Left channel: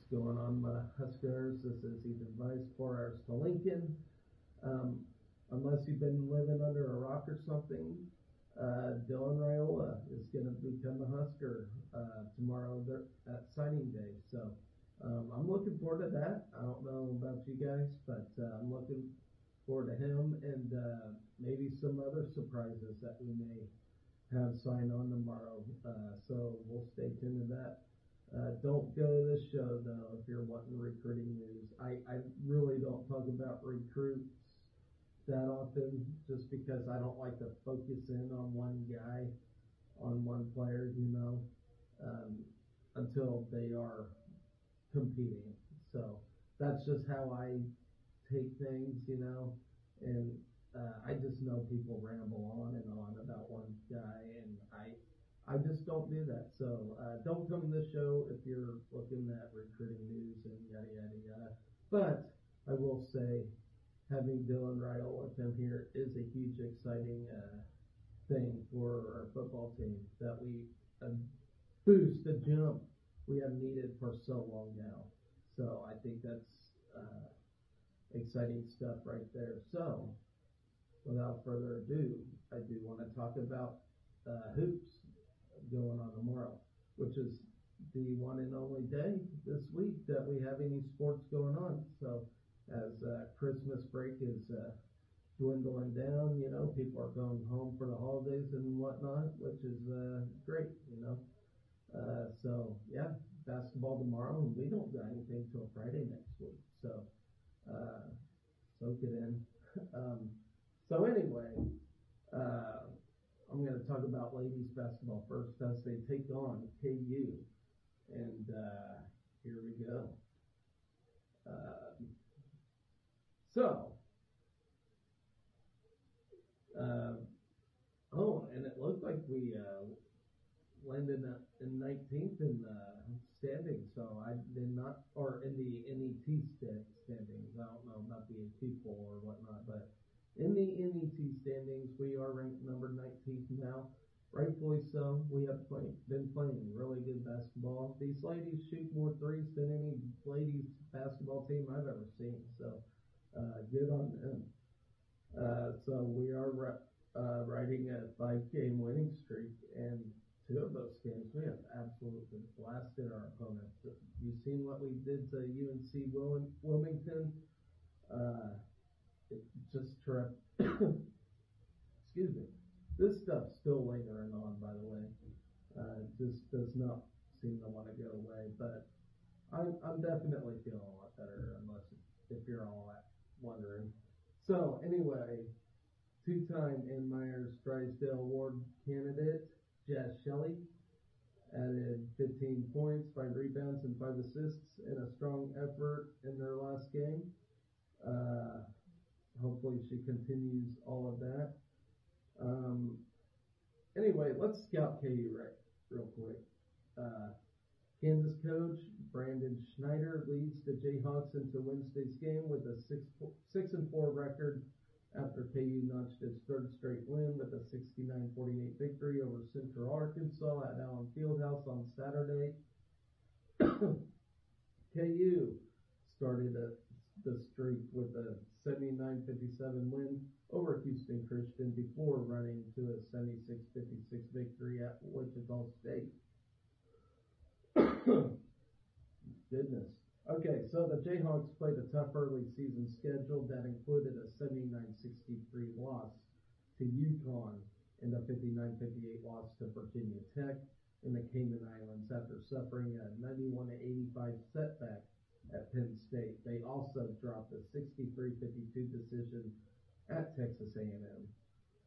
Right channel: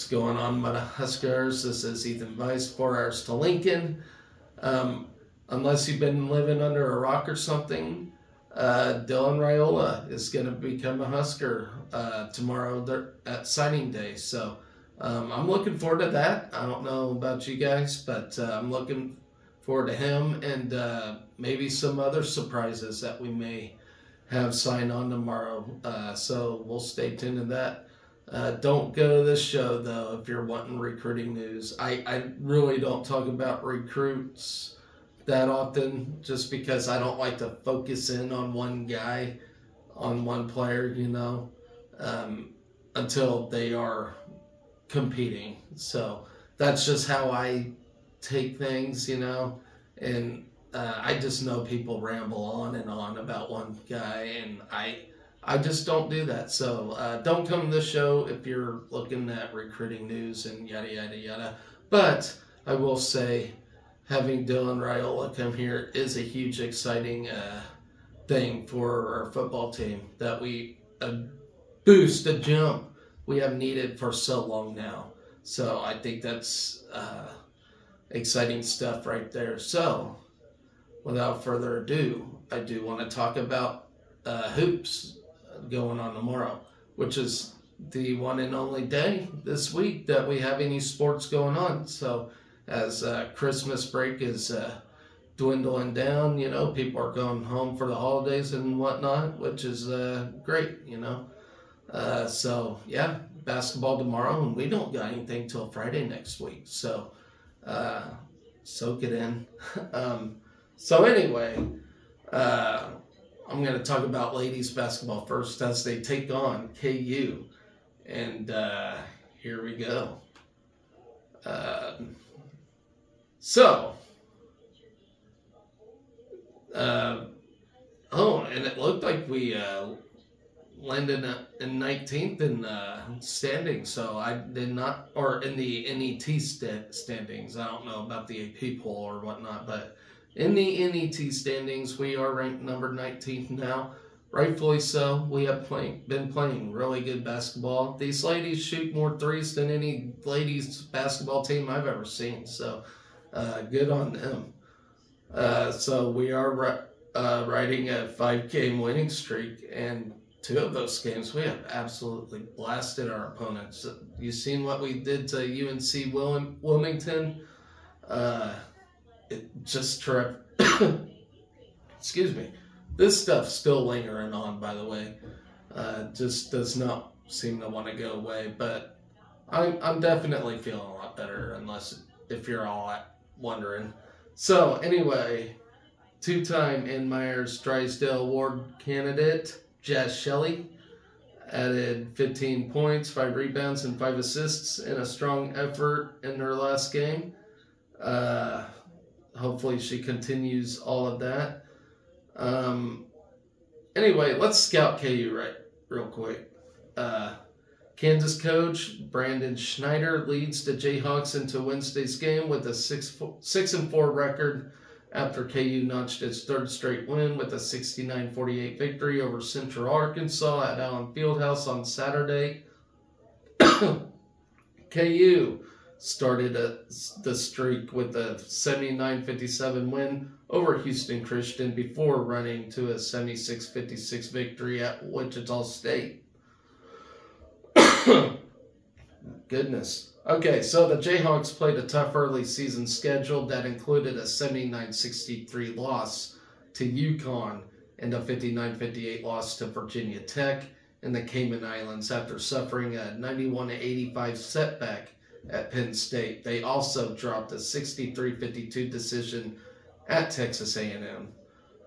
What's going on, Huskers? This is Ethan Weiss, 4 hours to Lincoln. Unless you've been living under a rock or something, Dylan Raiola is going to become a Husker tomorrow at signing day. So I'm looking forward to that. I don't know about you guys, but I'm looking forward to him and maybe some other surprises that we may have signed on tomorrow. So we'll stay tuned to that. Don't go to this show, though, if you're wanting recruiting news. I really don't talk about recruits that often just because I don't like to focus in on one guy, on one player, until they are competing. So that's just how I take things, and I just know people ramble on and on about one guy, and I just don't do that. So don't come to this show if you're looking at recruiting news and yada, yada, yada. But I will say having Dylan Raiola come here is a huge, exciting thing for our football team that a boost, a jump we have needed for so long now. So I think that's exciting stuff right there. So without further ado, I do want to talk about hoops going on tomorrow, which is the one and only day this week that we have any sports going on. So as Christmas break is dwindling down, people are going home for the holidays and whatnot, which is great, so yeah, basketball tomorrow, and we don't got anything till Friday next week, so soak it in. So anyway, I'm going to talk about ladies basketball first as they take on KU. And here we go. And it looked like we landed in 19th in standings. So I did not, or in the NET standings. I don't know about the AP poll or whatnot, but in the NET standings, we are ranked number 19th now. Rightfully so. We have been playing really good basketball. These ladies shoot more threes than any ladies basketball team I've ever seen. So good on them. So we are riding a 5-game winning streak. And 2 of those games, we have absolutely blasted our opponents. You seen what we did to UNC Wilmington? It just excuse me. This stuff's still lingering on, by the way. Just does not seem to want to go away. But I'm definitely feeling a lot better, if you're all wondering. So anyway, 2-time Ann Myers Drysdale Award candidate Jaz Shelley added 15 points, 5 rebounds, and 5 assists in a strong effort in her last game. Hopefully she continues all of that. Anyway, let's scout KU real quick. Kansas coach Brandon Schneider leads the Jayhawks into Wednesday's game with a 6-4 record after KU notched its 3rd straight win with a 69-48 victory over Central Arkansas at Allen Fieldhouse on Saturday. KU started the streak with a 79-57 win over Houston Christian before running to a 76-56 victory at Wichita State. Goodness. Okay, so the Jayhawks played a tough early season schedule that included a 79-63 loss to UConn and a 59-58 loss to Virginia Tech in the Cayman Islands after suffering a 91-85 setback at Penn State. They also dropped a 63-52 decision at Texas A&M.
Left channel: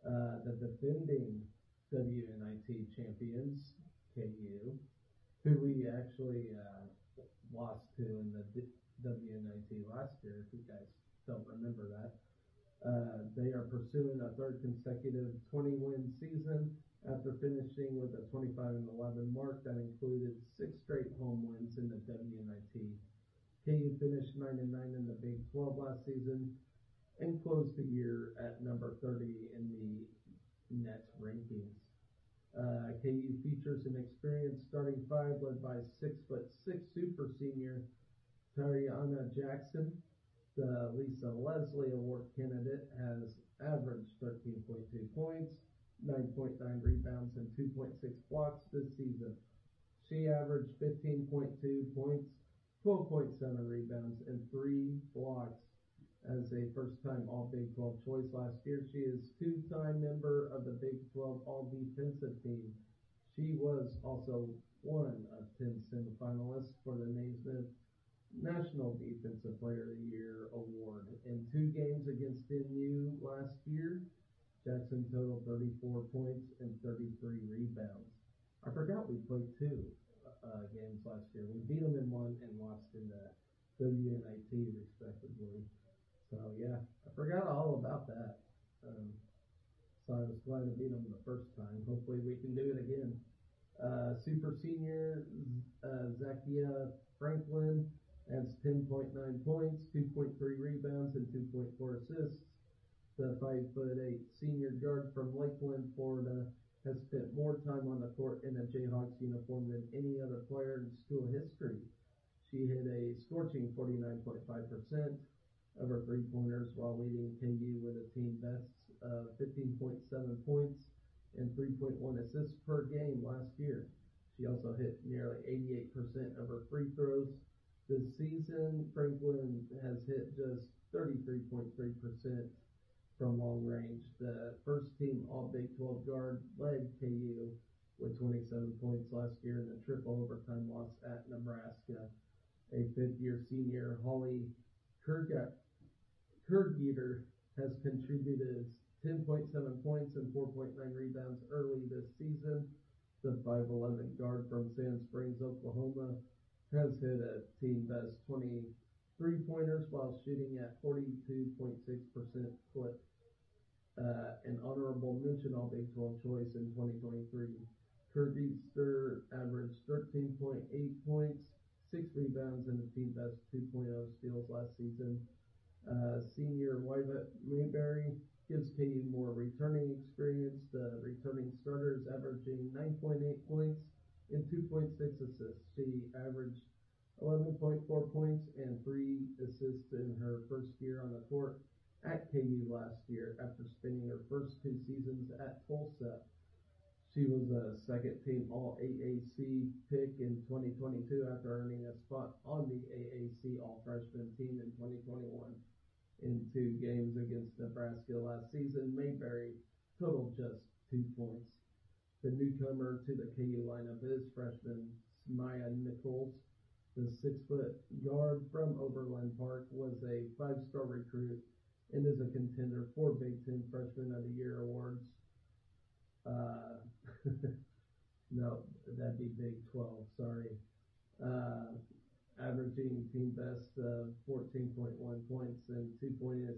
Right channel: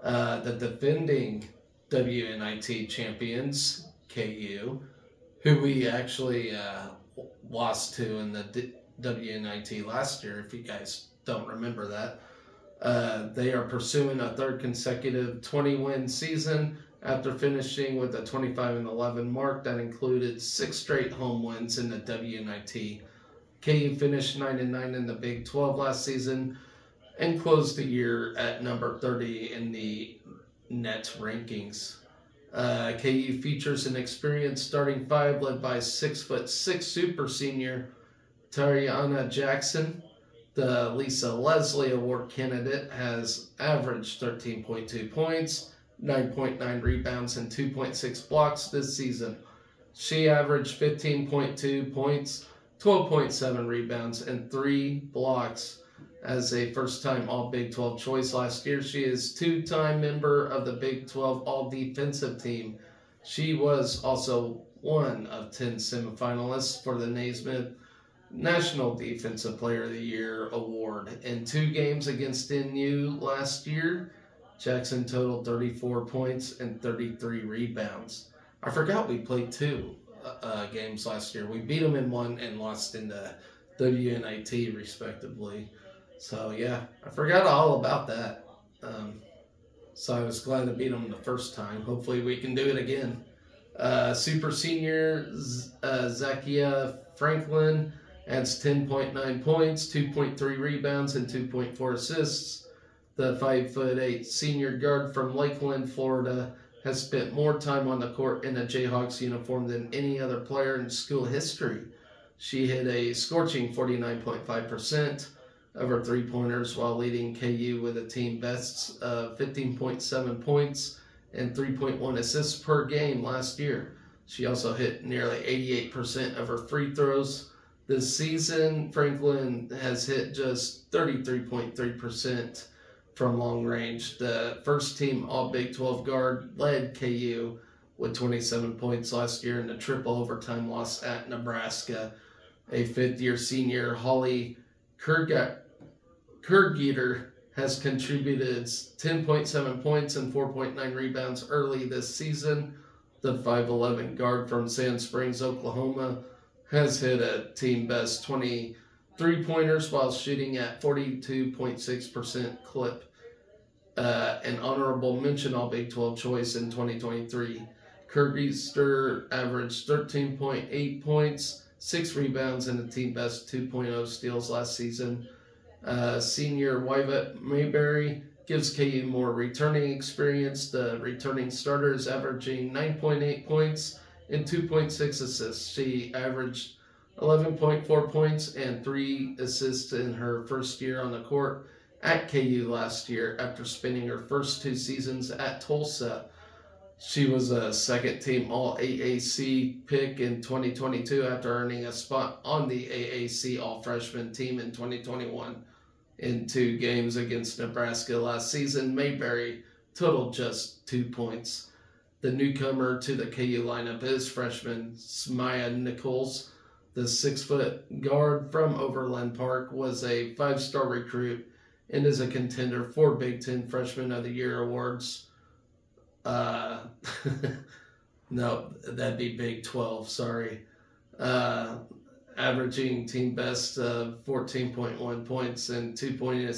The defending WNIT champions, KU, who we actually lost to in the WNIT last year, if you guys don't remember that. They are pursuing a 3rd consecutive 20-win season after finishing with a 25-11 mark that included 6 straight home wins in the WNIT. KU finished 9-9 in the Big 12 last season and closed the year at number 30 in the net rankings. KU features an experienced starting 5 led by 6'6" super senior Tariana Jackson, the Lisa Leslie Award candidate, has averaged 13.2 points, 9.9 rebounds, and 2.6 blocks this season. She averaged 15.2 points, 12.7 rebounds, and 3 blocks as a first-time All-Big 12 choice last year. She is two-time member of the Big 12 All-Defensive Team. She was also one of 10 semifinalists for the Naismith National Defensive Player of the Year award. In 2 games against NU last year, Jackson totaled 34 points and 33 rebounds. I forgot we played 2 games last year. We beat them in 1 and lost in the WNIT, respectively. So, yeah, I forgot all about that. So I was glad to beat them the first time. Hopefully we can do it again. Super senior Zakia Franklin adds 10.9 points, 2.3 rebounds, and 2.4 assists. The 5'8" senior guard from Lakeland, Florida, has spent more time on the court in a Jayhawks uniform than any other player in school history. She hit a scorching 49.5% of her three-pointers while leading KU with a team best of 15.7 points and 3.1 assists per game last year. She also hit nearly 88% of her free throws. This season, Franklin has hit just 33.3% from long range. The first-team All-Big 12 guard led KU with 27 points last year in the triple overtime loss at Nebraska. A fifth-year senior, Holly Kurgeter, has contributed 10.7 points and 4.9 rebounds early this season. The 5'11" guard from Sand Springs, Oklahoma, has hit a team best 23-pointers while shooting at 42.6% clip. An honorable mention All-Big 12 choice in 2023. Kurgeter averaged 13.8 points, 6 rebounds, and a team best 2.0 steals last season. Senior Wyvette Mayberry gives KU more returning experience. The returning starter is averaging 9.8 points and 2.6 assists. She averaged 11.4 points and 3 assists in her first year on the court at KU last year after spending her first 2 seasons at Tulsa. She was a second-team All-AAC pick in 2022 after earning a spot on the AAC All-Freshman team in 2021. In 2 games against Nebraska last season, Mayberry totaled just 2 points. The newcomer to the KU lineup is freshman Smaya Nichols. The 6-foot guard from Overland Park was a 5-star recruit and is a contender for Big Ten Freshman of the Year awards. No, that'd be Big 12, sorry. Averaging team best of 14.1 points and 2.8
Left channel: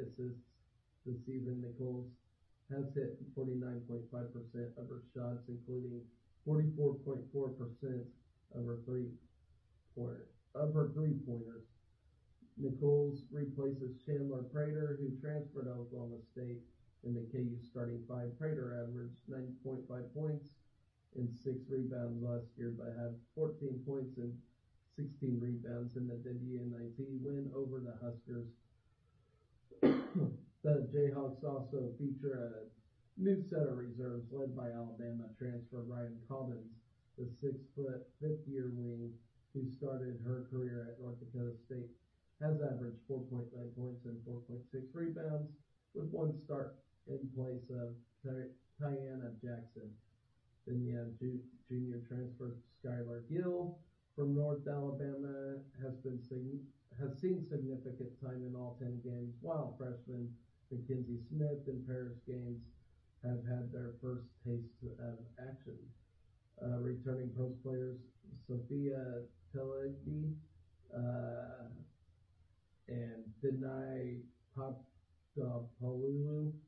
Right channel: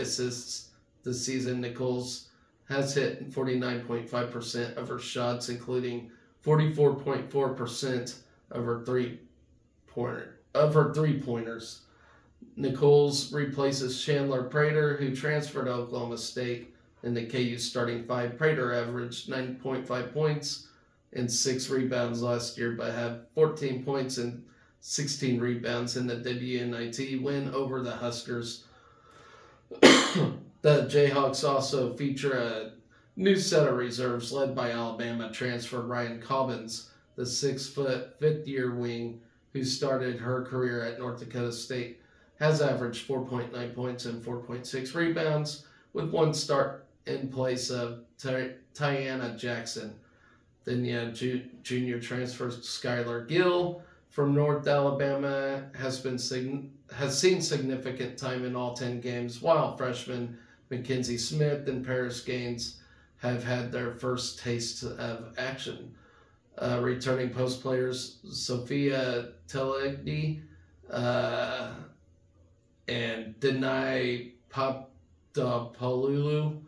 assists this season. Nichols has hit 49.5% of her shots, including 44.4% of her three-pointers. Nichols replaces Chandler Prater, who transferred to Oklahoma State. In the KU starting 5, Prater averaged 9.5 points and 6 rebounds last year, but had 14 points and 16 rebounds in the WNIT win over the Huskers. The Jayhawks also feature a new set of reserves led by Alabama transfer Ryan Cobbins, the 6-foot, 5th-year wing who started her career at North Dakota State, has averaged 4.9 points and 4.6 rebounds with 1 start in place of Tiana Jackson. Then junior transfer Skylar Gill from North Alabama has seen significant time in all 10 games, while freshmen Mackenzie Smith and Paris Gaines have had their first taste of action. Returning post players Sophia Telegny and Denai Papadopoulou,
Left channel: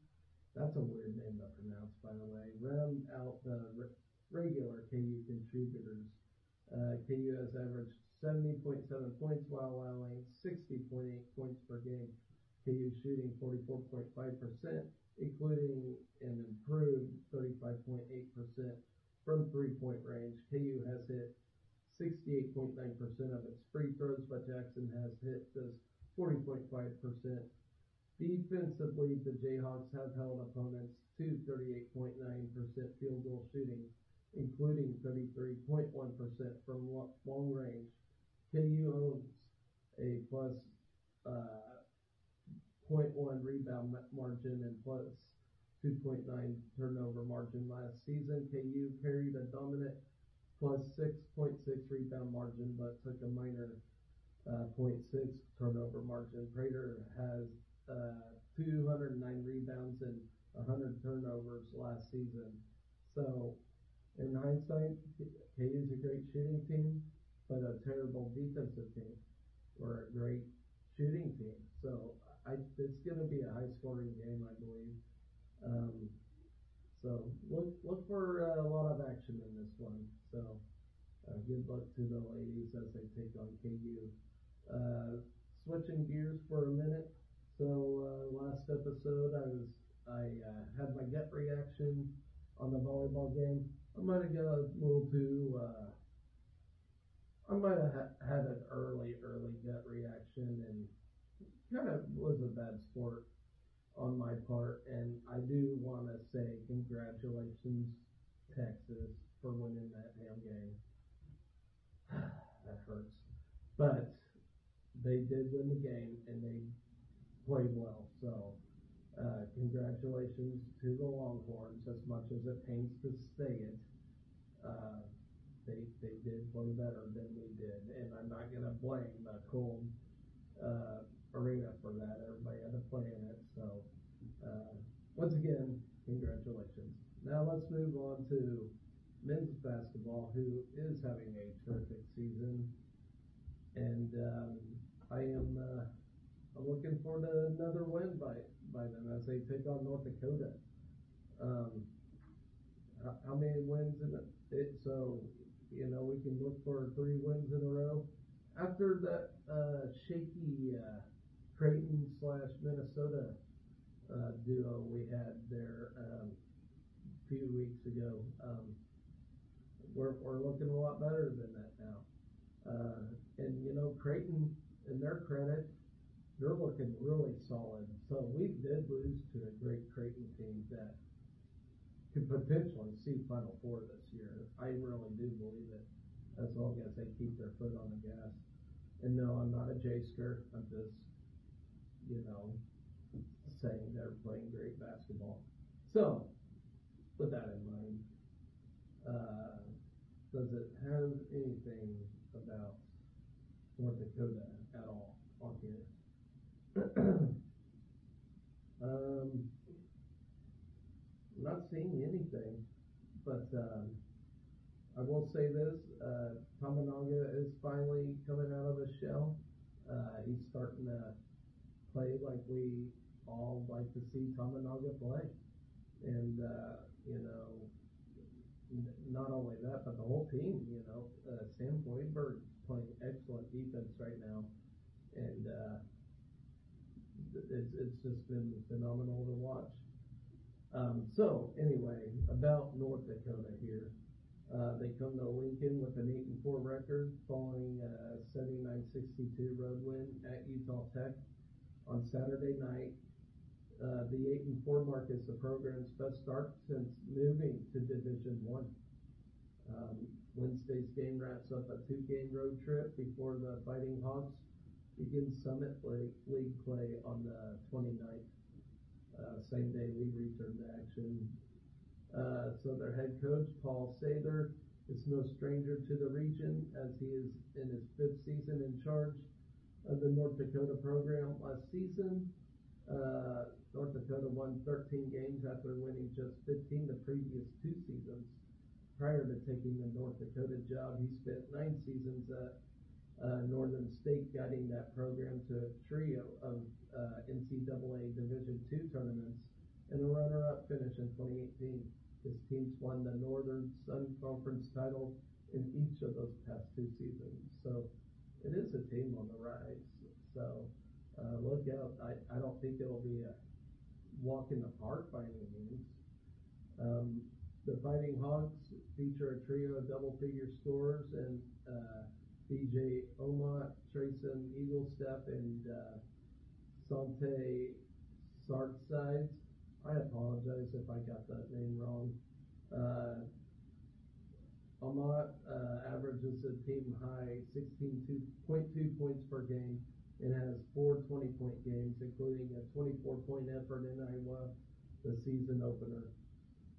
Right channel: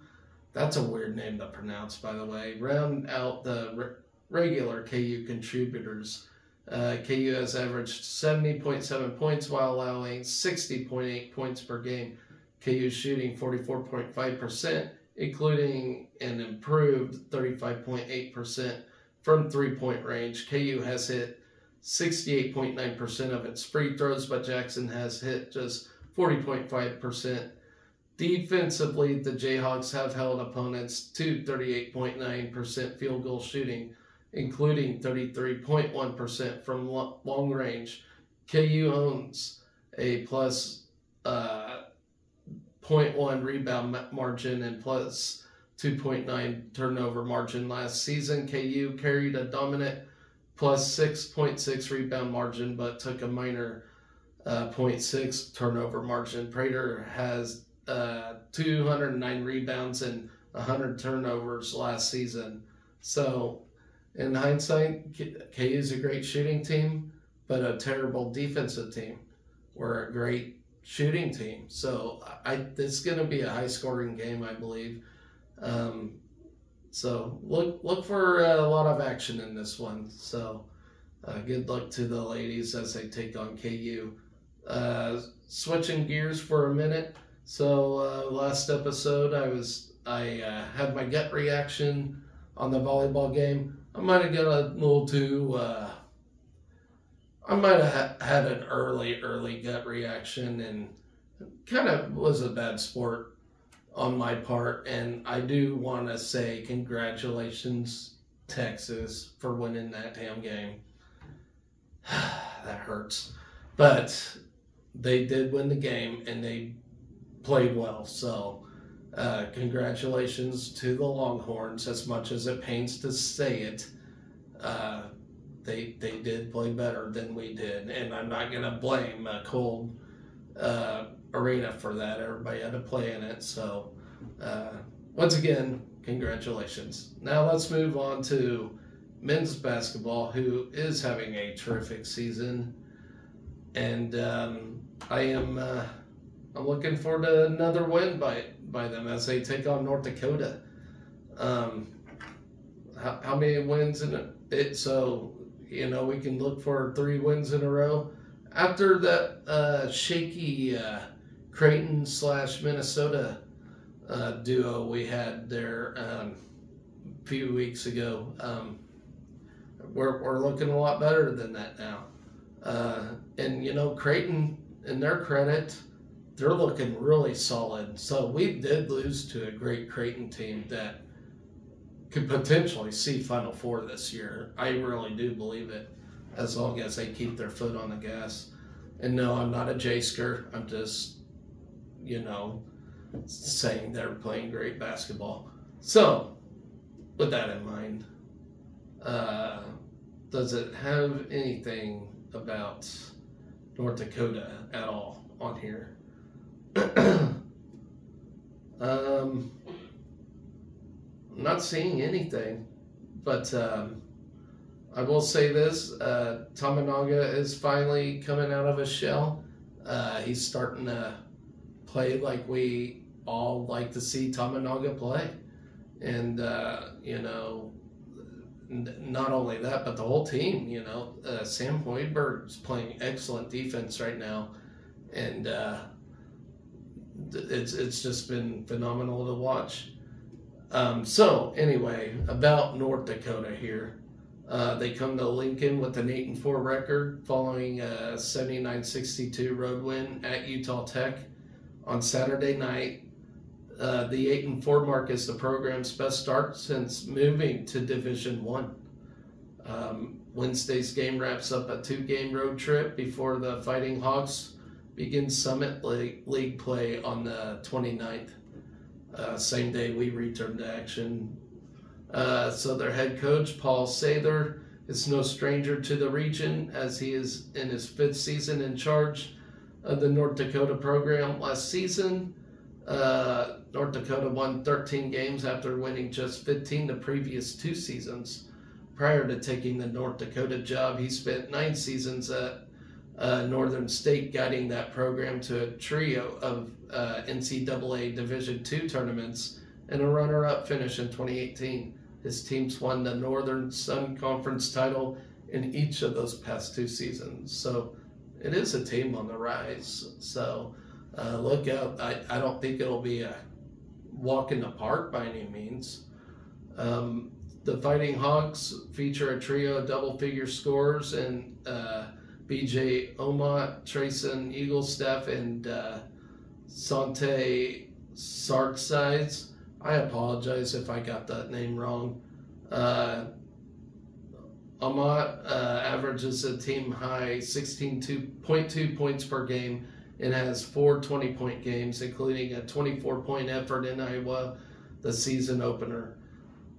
that's a weird name to pronounce, by the way, round out the regular KU contributors. KU has averaged 70.7 points while allowing 60.8 points per game. KU shooting 44.5%, including an improved 35.8% from 3-point range. KU has hit 68.9% of its free throws, but Jackson has hit just 40.5%. Defensively, the Jayhawks have held opponents to 38.9% field goal shooting, including 33.1% from long range. KU owns a plus 0.1 rebound margin and plus 2.9 turnover margin last season. KU carried a dominant plus 6.6 rebound margin, but took a minor 0.6 turnover margin. Prater has 209 rebounds and 100 turnovers last season. So, in hindsight, KU is a great shooting team, but a terrible defensive team. We're a great shooting team. So, it's going to be a high-scoring game, I believe. So look for a lot of action in this one. So good luck to the ladies as they take on KU. Switching gears for a minute. So last episode I had my gut reaction on the volleyball game. I might have got a little too. I might have had an early gut reaction and kind of was a bad sport on my part, and I do want to say congratulations, Texas, for winning that damn game. That hurts. But they did win the game, and they played well. So congratulations to the Longhorns, as much as it pains to say it. They did play better than we did, and I'm not going to blame a cold arena for that. Everybody had to play in it. So once again, congratulations. Now let's move on to men's basketball, who is having a terrific season, and I'm looking forward to another win by them as they take on North Dakota. How many wins in it? So we can look for 3 wins in a row after that shaky Creighton / Minnesota duo we had there a few weeks ago. We're looking a lot better than that now. And Creighton, in their credit, they're looking really solid. So we did lose to a great Creighton team that could potentially see Final Four this year. I really do believe it, as long as they keep their foot on the gas. And no, I'm not a J-sker. I'm just, saying they're playing great basketball. So, with that in mind, does it have anything about North Dakota at all on here? I'm not seeing anything, but I will say this, Tominaga is finally coming out of his shell. He's starting to play like we all like to see Tominaga play. And, not only that, but the whole team, Sam Hoiberg's playing excellent defense right now. And it's just been phenomenal to watch. So, anyway, about North Dakota here. They come to Lincoln with an 8-4 record following a 79-62 road win at Utah Tech on Saturday night. The 8-4 mark is the program's best start since moving to Division I. Wednesday's game wraps up a 2-game road trip before the Fighting Hawks begin Summit League play on the 29th. Same day we return to action. So their head coach, Paul Sather, is no stranger to the region, as he is in his 5th season in charge of the North Dakota program. Last season, North Dakota won 13 games after winning just 15 the previous 2 seasons. Prior to taking the North Dakota job, he spent 9 seasons at Northern State, guiding that program to a trio of NCAA Division II tournaments and a runner-up finish in 2018. His teams won the Northern Sun Conference title in each of those past 2 seasons. So it is a team on the rise. So look out. I don't think it'll be a walk in the park by any means. The Fighting Hawks feature a trio of double-figure scorers in BJ Omot, Trayson Eaglestaff, and Sante Sartsides. I apologize if I got that name wrong. Amat averages a team high 16.2 points per game and has 4 20-point games, including a 24-point effort in Iowa, the season opener.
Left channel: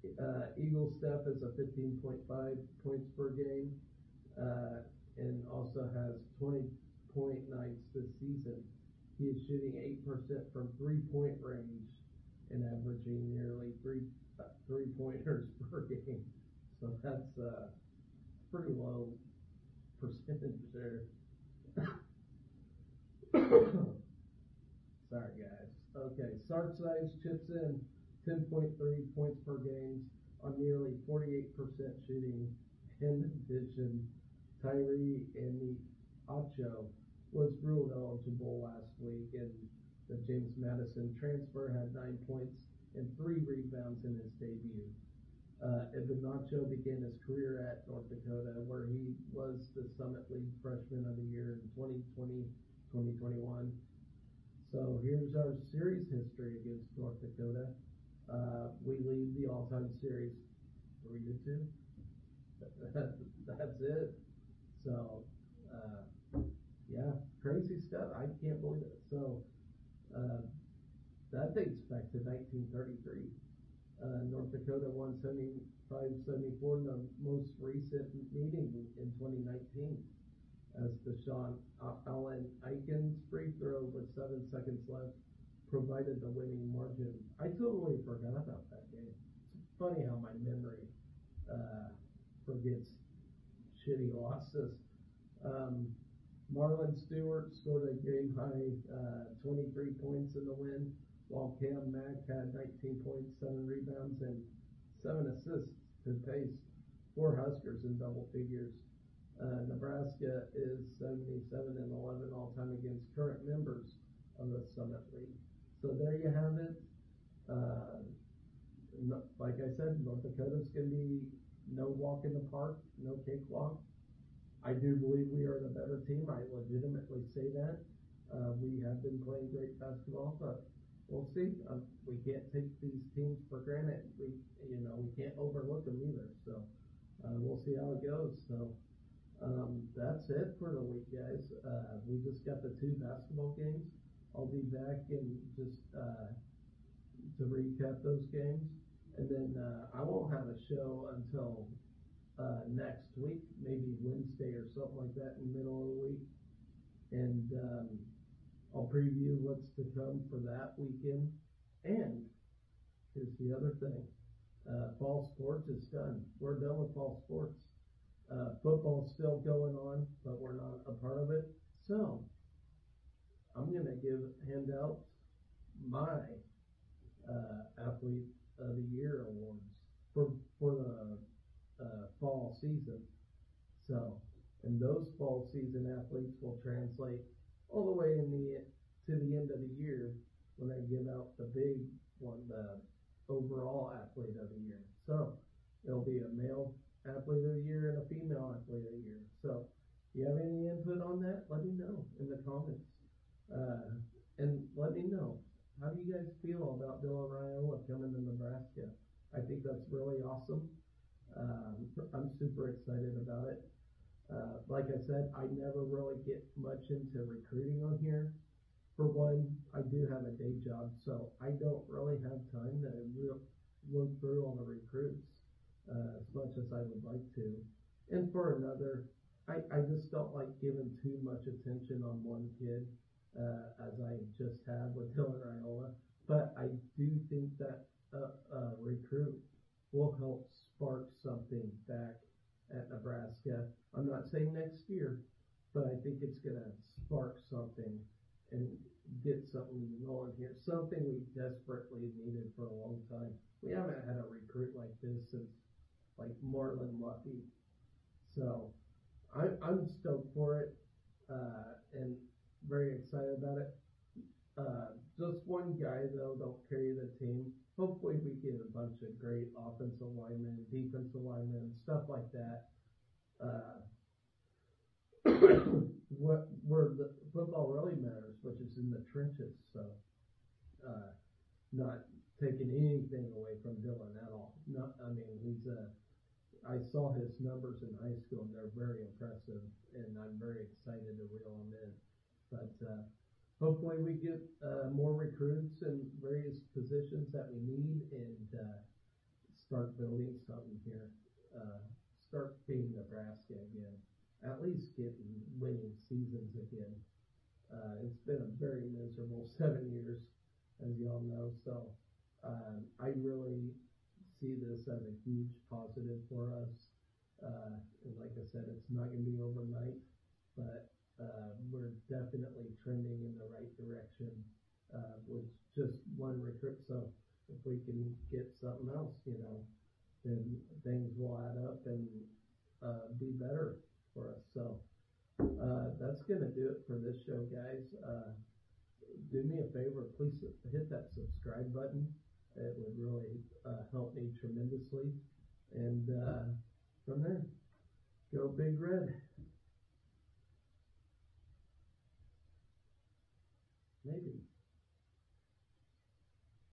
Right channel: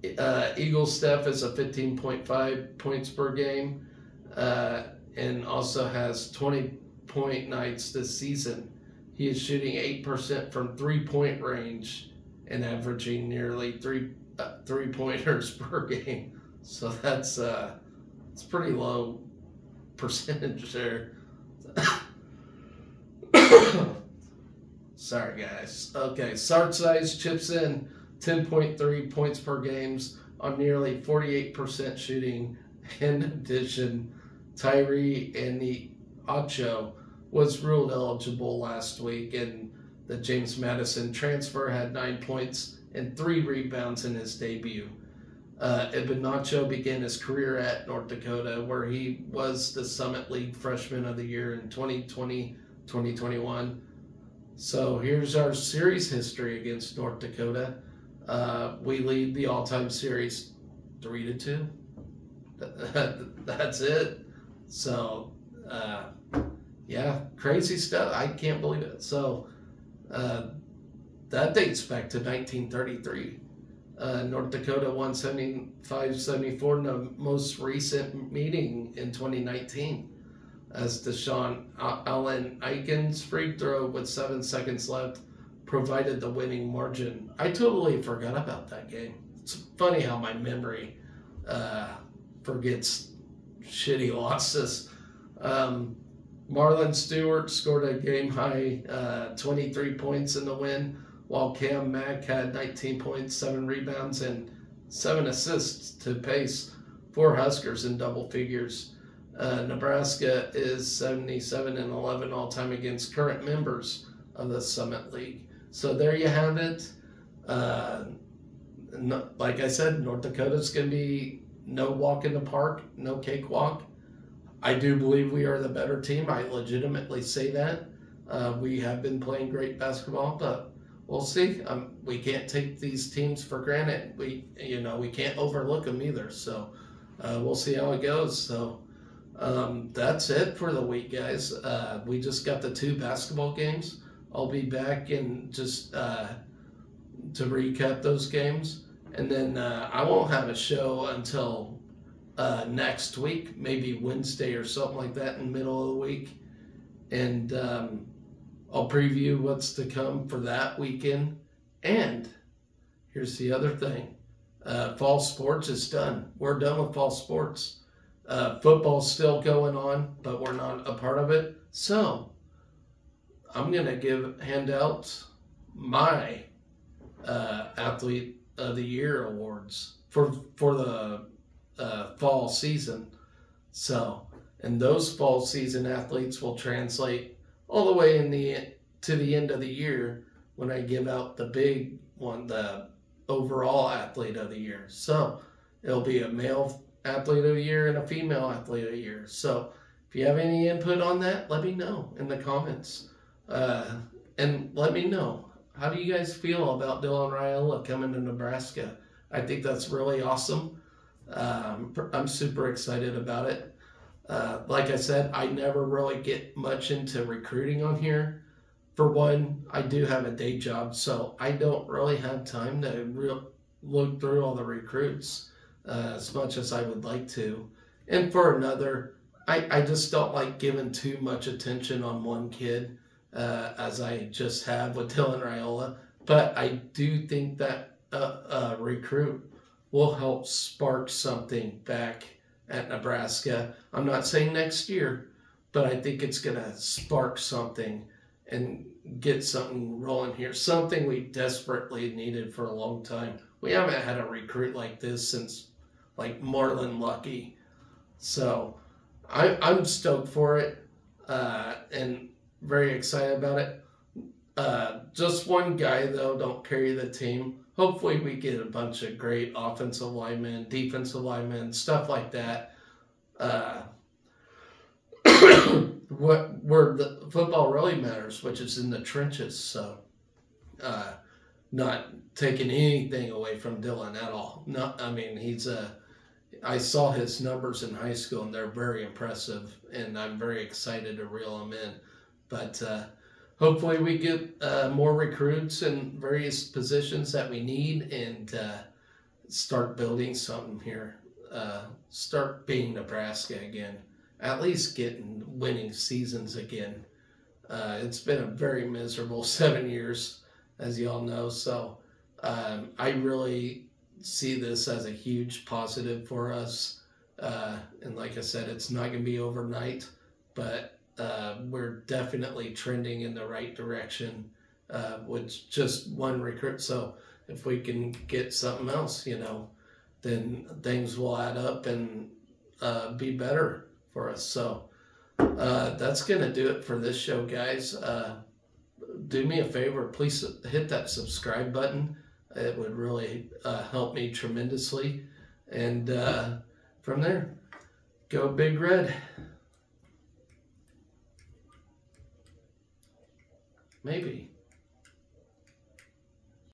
Eaglestaff is a 15.5 points per game and also has 20-point nights this season. He is shooting 8% from 3-point range and averaging nearly three-pointers per game. So that's it's pretty low percentage there. Sorry, guys. Okay, Sartsides chips in 10.3 points per games on nearly 48% shooting. In addition, Tyree Aniacho was ruled eligible last week, and the James Madison transfer had 9 points and 3 rebounds in his debut. Iheanacho began his career at North Dakota, where he was the Summit League Freshman of the Year in 2020-2021. So here's our series history against North Dakota. We lead the all-time series 3-2. That's it. So, yeah, crazy stuff. I can't believe it. So, that dates back to 1933. North Dakota won 75-74 in the most recent meeting in 2019 as Deshaun Allen Aikens' free throw with 7 seconds left provided the winning margin. I totally forgot about that game. It's funny how my memory forgets shitty losses. Marlon Stewart scored a game-high 23 points in the win, while Cam Mack had 19 points, 7 rebounds, and 7 assists to pace 4 Huskers in double figures. Nebraska is 77-11 all-time against current members of the Summit League. So there you have it. Like I said, North Dakota's going to be no walk in the park, no cakewalk. I do believe we are the better team. I legitimately say that. We have been playing great basketball, but we'll see. We can't take these teams for granted. We can't overlook them either. So we'll see how it goes. So that's it for the week, guys. We just got the 2 basketball games. I'll be back and just to recap those games, and then I won't have a show until next week, maybe Wednesday or something like that in the middle of the week, and I'll preview what's to come for that weekend. And here's the other thing. Fall sports is done. We're done with fall sports. Football's still going on, but we're not a part of it. So I'm going to hand out my Athlete of the Year awards for the fall season. So, and those fall season athletes will translate all the way to the end of the year when I give out the big one, the overall Athlete of the Year. So it'll be a male Athlete of the Year and a female Athlete of the Year. So if you have any input on that, let me know in the comments. And let me know, how do you guys feel about Dylan Raiola coming to Nebraska? I think that's really awesome. I'm super excited about it. Like I said, I never really get much into recruiting on here. For one, I do have a day job, so I don't really have time to look through all the recruits as much as I would like to. And for another, I just don't like giving too much attention on one kid as I just have with Dylan Raiola. But I do think that a recruit will help spark something back at Nebraska. I'm not saying next year, but I think it's going to spark something and get something rolling here. Something we desperately needed for a long time. We haven't had a recruit like this since like Marlon Lucky. So I'm stoked for it and very excited about it. Just one guy, though, don't carry the team. Hopefully we get a bunch of great offensive linemen, defensive linemen, stuff like that. where the football really matters, which is in the trenches. So, not taking anything away from Dylan at all. No, I mean I saw his numbers in high school and they're very impressive, and I'm very excited to reel him in. But hopefully we get more recruits in various positions that we need, and start building something here. Start being Nebraska again. At least getting winning seasons again. It's been a very miserable 7 years, as y'all know. So I really see this as a huge positive for us. And like I said, it's not going to be overnight, but we're definitely trending in the right direction with just one recruit. So if we can get something else, then things will add up and be better for us. So that's going to do it for this show, guys. Do me a favor, please hit that subscribe button. It would really help me tremendously. And from there, go Big Red. Maybe.